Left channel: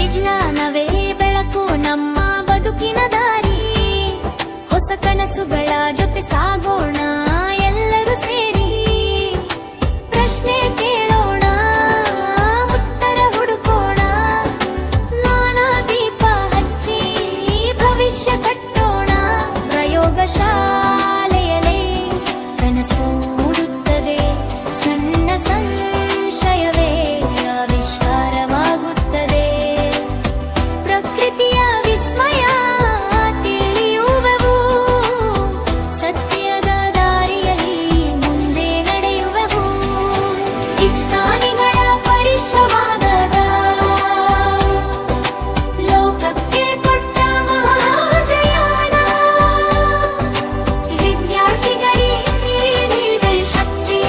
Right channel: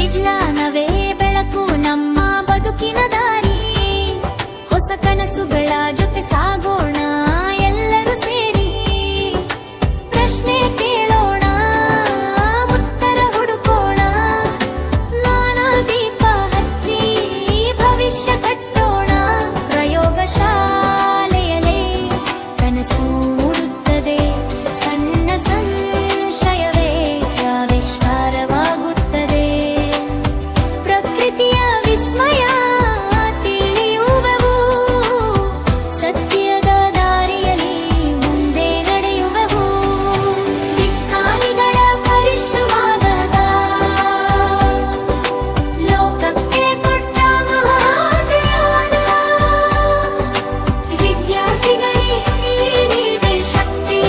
ವಿಜ್ಞಾನವೇ ಬೆಳಕು ನಮ್ಮ ಬದುಕಿನ ದಾರಿ. ಹೊಸ ಕನಸುಗಳ ಜೊತೆ ಸಾಗೋಣ ಎಲ್ಲರೂ ಸೇರಿ. ಪ್ರಶ್ನೆ ಕೇಳೋಣ, ಉತ್ತರ ಹುಡುಕೋಣ. ಜ್ಞಾನ ದೀಪ ಹಚ್ಚಿ ಭವಿಷ್ಯ ಕಟ್ಟೋಣ. ಪ್ರಯೋಗಶಾಲೆಯಲ್ಲೇ ಕನಸು ಮೂಡುತ್ತದೆ. ಸಣ್ಣ ಸಂಶಯವೇ ಆವಿಷ್ಕಾರವಾಗುತ್ತದೆ. ಪ್ರಕೃತಿಯ ವಿಸ್ಮಯ ತಿಳಿಯುವೆವು. ಸತ್ಯದ ದಾರಿಯಲ್ಲಿ ಮುಂದೆ ನಡೆಯುವೆವು. ವಿಜ್ಞಾನಿಗಳ ಪರಿಶ್ರಮದ ಲೋಕಕ್ಕೆ ಕೊಟ್ಟ ಮಹಾಜಯಾನ. ವಿದ್ಯಾರ್ಥಿಗಳಿಗೆ ನೀವೇ ಶಕ್ತಿ.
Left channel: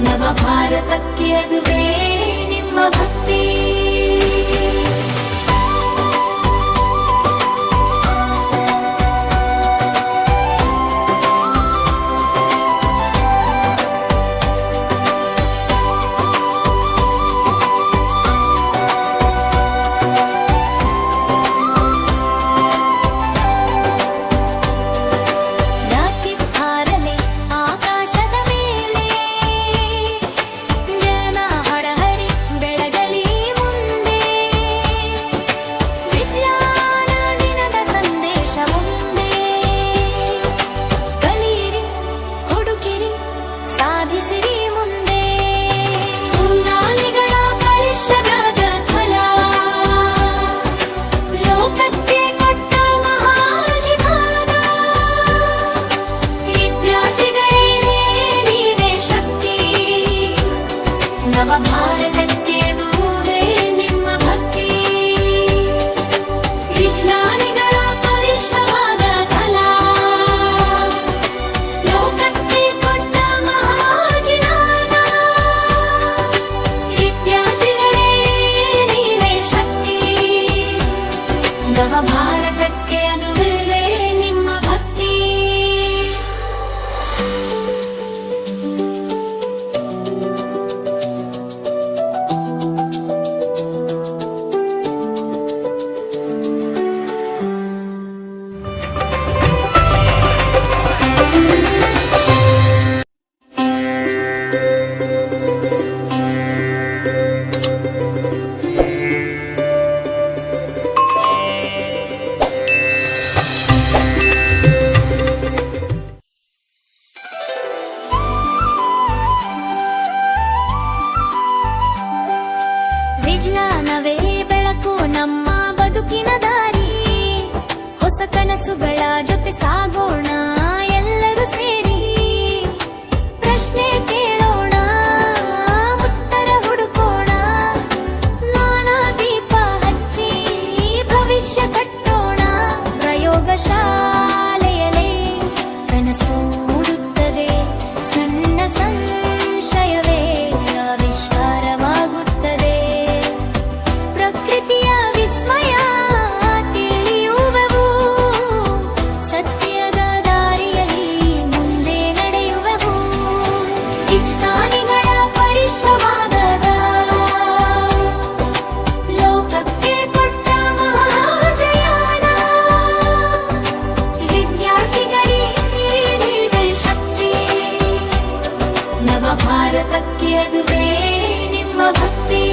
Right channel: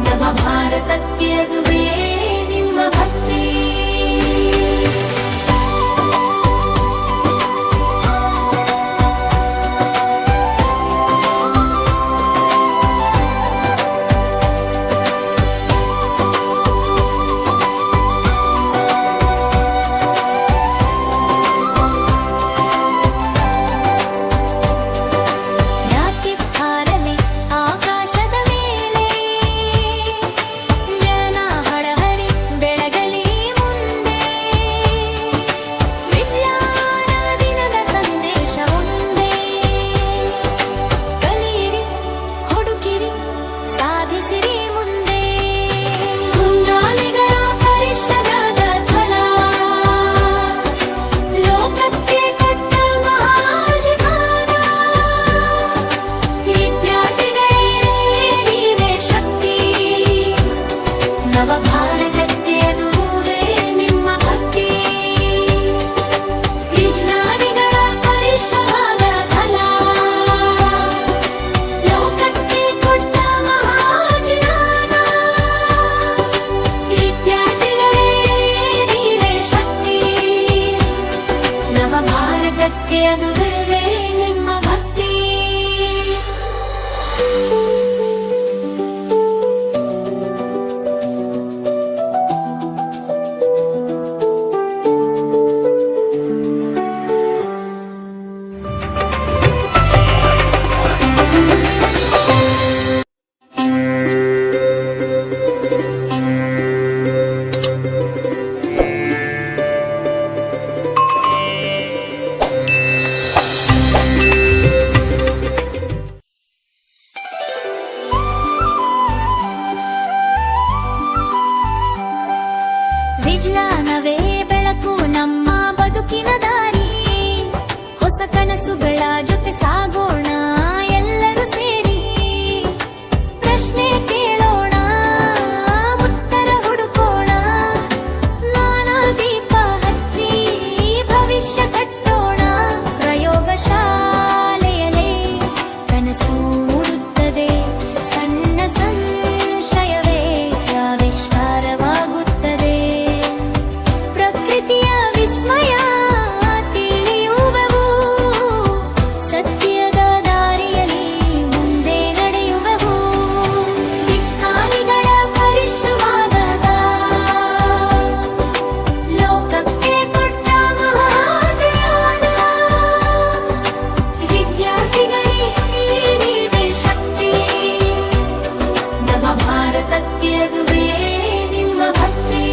ನವ ಭಾರತಕ್ಕೆ ಅದುವೇ ನಿಮ್ಮ ಭಕ್ತಿ. ರಾಕೆಟ್ ಹಾರಲೆ ಆಕಾಶದ ಮೇಲೆ. ಜನ ಹಡಹರಿ ಬೆಳಗಲಿ ಮುಂದೆ. ವಿಜ್ಞಾನ ದಿನದ ಸಂದೇಶ ಒಂದೇ. ಕಲಿಯಿರಿ, ಹುಡುಕಿರಿ, ಸಾಧಿಸಿರಿ ಮುಂದೆ. ವಿಜ್ಞಾನಿಗಳ ಪರಿಶ್ರಮದ ಫಲ ಲೋಕಕ್ಕೆ ಕೊಟ್ಟ ಮಹಾಜೀವನ. ವಿದ್ಯಾರ್ಥಿಗಳೇ ನೀವೇ ಶಕ್ತಿ. ನವ ಭಾರತಕ್ಕೆ ಅದುವೇ ನಿಮ್ಮ ಭಕ್ತಿ. ವಿಜ್ಞಾನಿಗಳ ಪರಿಶ್ರಮದ ಫಲ ಲೋಕಕ್ಕೆ ಕೊಟ್ಟ ಮಹಾಜೀವನ. ವಿದ್ಯಾರ್ಥಿಗಳೇ ನೀವೇ ಶಕ್ತಿ. ನವ ಭಾರತಕ್ಕೆ ಅದುವೇ ನಿಮ್ಮ ಭಕ್ತಿ. ವಿಜ್ಞಾನವೇ ಬೆಳಕು ನಮ್ಮ ಬದುಕಿನ ದಾರಿ. ಹೊಸ ಕನಸುಗಳ ಜೊತೆ ಸಾಗೋಣ ಎಲ್ಲರೂ ಸೇರಿ. ಪ್ರಶ್ನೆ ಕೇಳೋಣ, ಉತ್ತರ ಹುಡುಕೋಣ. ಜ್ಞಾನ ದೀಪ ಹಚ್ಚಿ ಭವಿಷ್ಯ ಕಟ್ಟೋಣ. ಪ್ರಯೋಗಶಾಲೆಯಲ್ಲೇ ಕನಸು ಮೂಡುತ್ತದೆ. ಸಣ್ಣ ಸಂಶಯವೇ ಆವಿಷ್ಕಾರವಾಗುತ್ತದೆ. ಪ್ರಕೃತಿಯ ವಿಸ್ಮಯ ತಿಳಿಯುವೆವು. ಸತ್ಯದ ದಾರಿಯಲ್ಲಿ ಮುಂದೆ ನಡೆಯುವೆವು. ವಿಜ್ಞಾನಿಗಳ ಪರಿಶ್ರಮದ ಲೋಕಕ್ಕೆ ಕೊಟ್ಟ ಮಹಾಜಯಾನ. ವಿದ್ಯಾರ್ಥಿಗಳಿಗೆ ನೀವೇ ಶಕ್ತಿ. ನವ ಭಾರತಕ್ಕೆ ಅದುವೇ ನಿಮ್ಮ ಭಕ್ತಿ.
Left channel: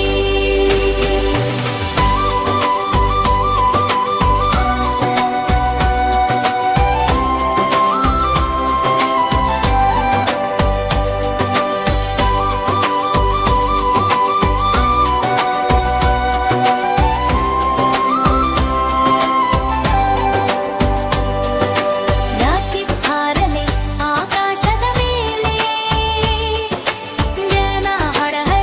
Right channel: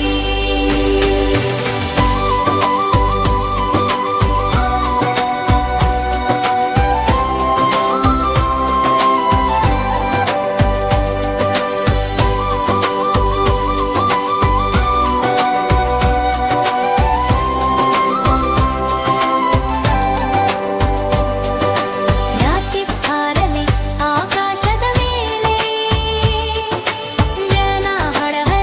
ರಾಕೆಟ್ ಹಾರಲೆ ಆಕಾಶದ ಮೇಲೆ. ಜನ ಹಡಹರಿ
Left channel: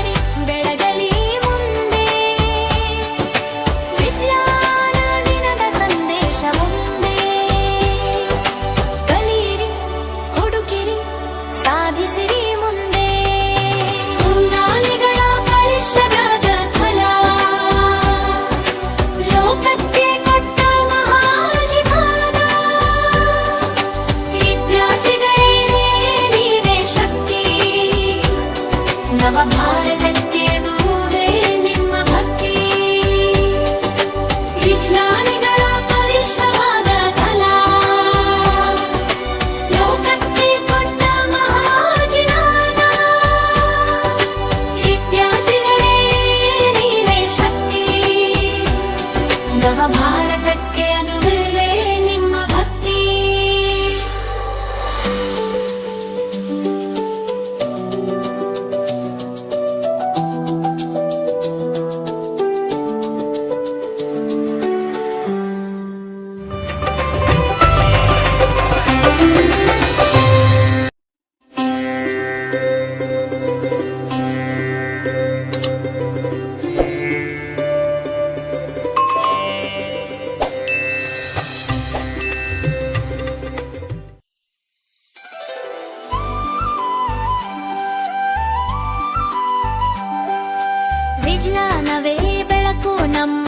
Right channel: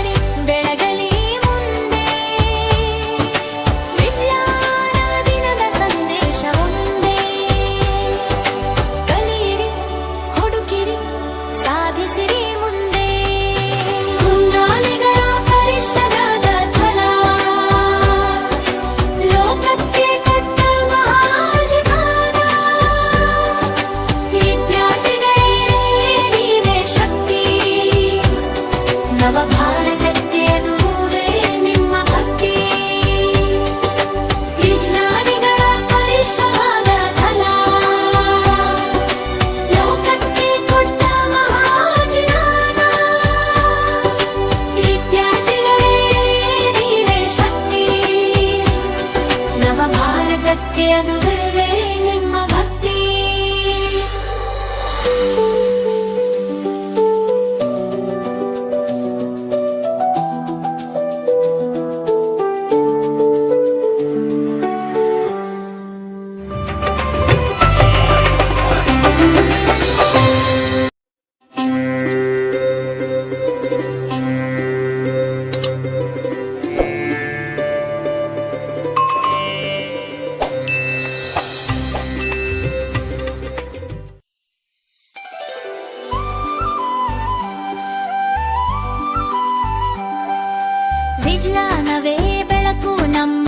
ವಿಜ್ಞಾನವೇ ಬೆಳಕು ನಮ್ಮ